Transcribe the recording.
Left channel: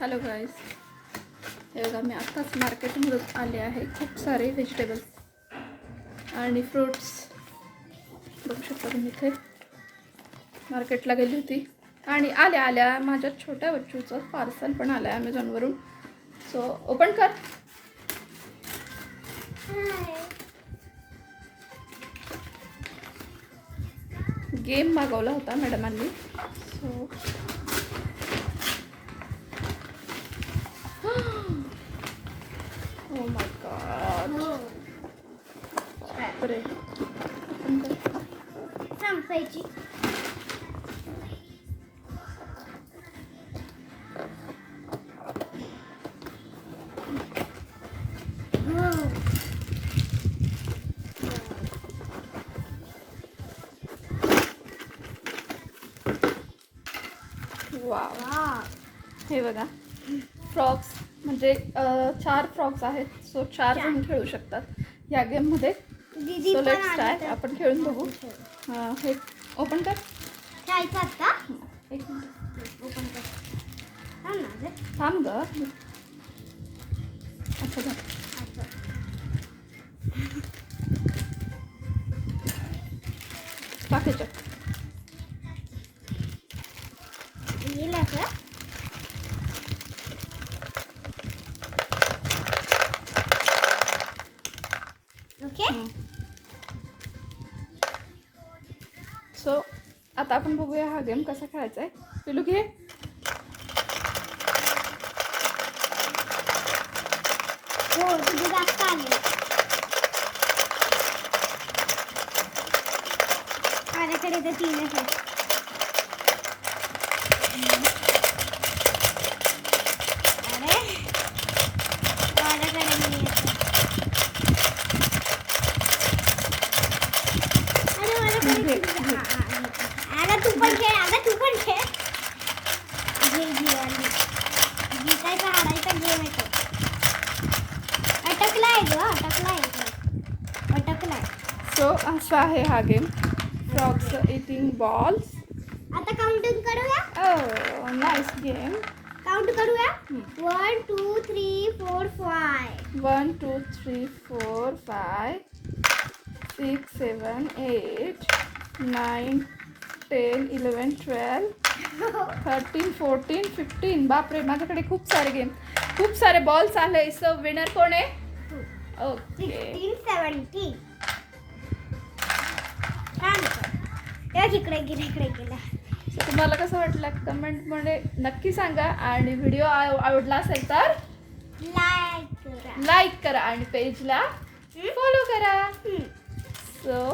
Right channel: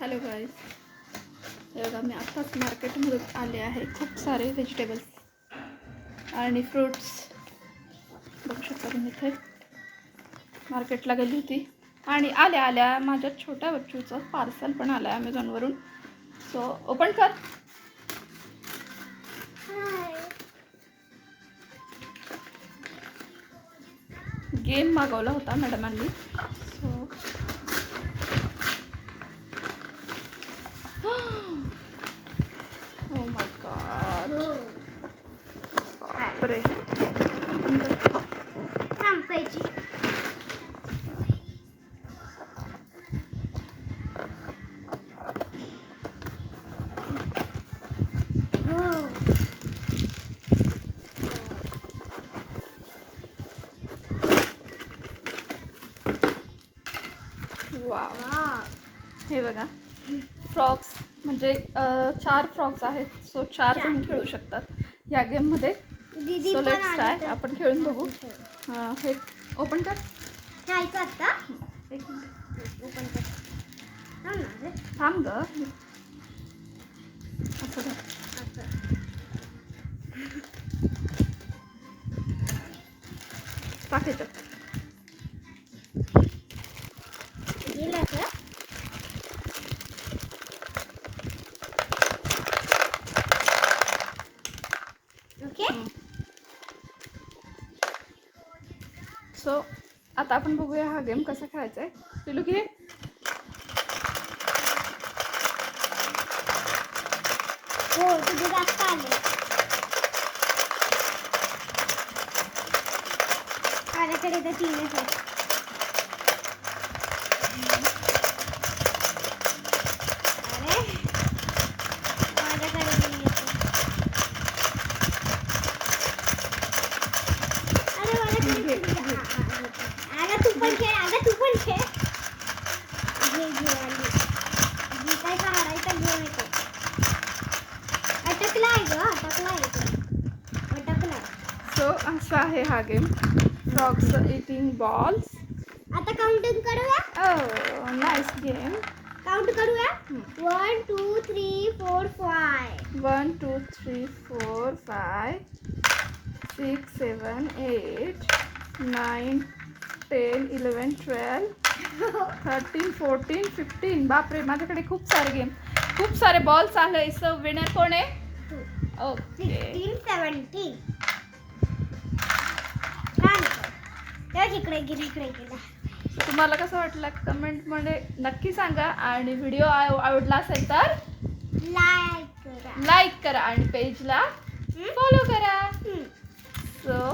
Hello गाईस, हे बघा मी आत्ताच मार्केटमधून आले आहे. खूप सारे व्हेजिटेबल्स आणि फ्रूट्स बघू शकता तुम्ही. इथे मार्केटला गेली होती आणि आल्या आल्या माझ्या छोट्या बच्चूचं पार्सल पण आलं आहे अमेझॉनवरून. सो ओपन कर. गेम मागवला होता मॅडमांनी. सो ओ माय गॉड, बापरे. संपायची. वाव, हे बघा फ्रॉक्स म्हणजे 4 फ्रॉक्स आहेत. सो 4 जण खेळू शकतात या गेममध्ये. सो लेट्स ट्राय, आपण खेळून बघू. हे ओपन कर. खेळायचं का? एक मिनिट ओपन कर. थांब ग. अच्छा घ्या. पाठीचं ओके. सो आता आपण बघूया हा गेम कसा खेळायचा आहे. पिलू घे. हो, तुझी जास्त आली. माझ्याकडे तर 3 आहेत. अरे, माझ्याकडे नाही येत. अरे, माझ्याकडे घे. आता तू पण खेळ. आता तू पण खेळ. जितायचा हारायचा गेम आहे तो. अटकलाय ग, अटकलाय. सो असा आहे हा गेम. Frogs eating balls. आता काउंटिंग करूया. Oh nice game. काउंट करूया. 1 2 3 4 5. 1 2 3 4 5 6 7 8 9 10 11 12 13 14 15. बापरे, माझ्याकडे खूप सारे गेम, खूप सारे बॉल्स आले. सो विनर कोण आहे? ओके, 16 17. छान. इकडे गेला. तुम्हाला कसं वाटलं कमेंटमध्ये नक्की सांगा. आणि व्हिडिओ आवडला असेल तर लाईक करा. लाईक करा आणि पेजला फॉलो करा. सो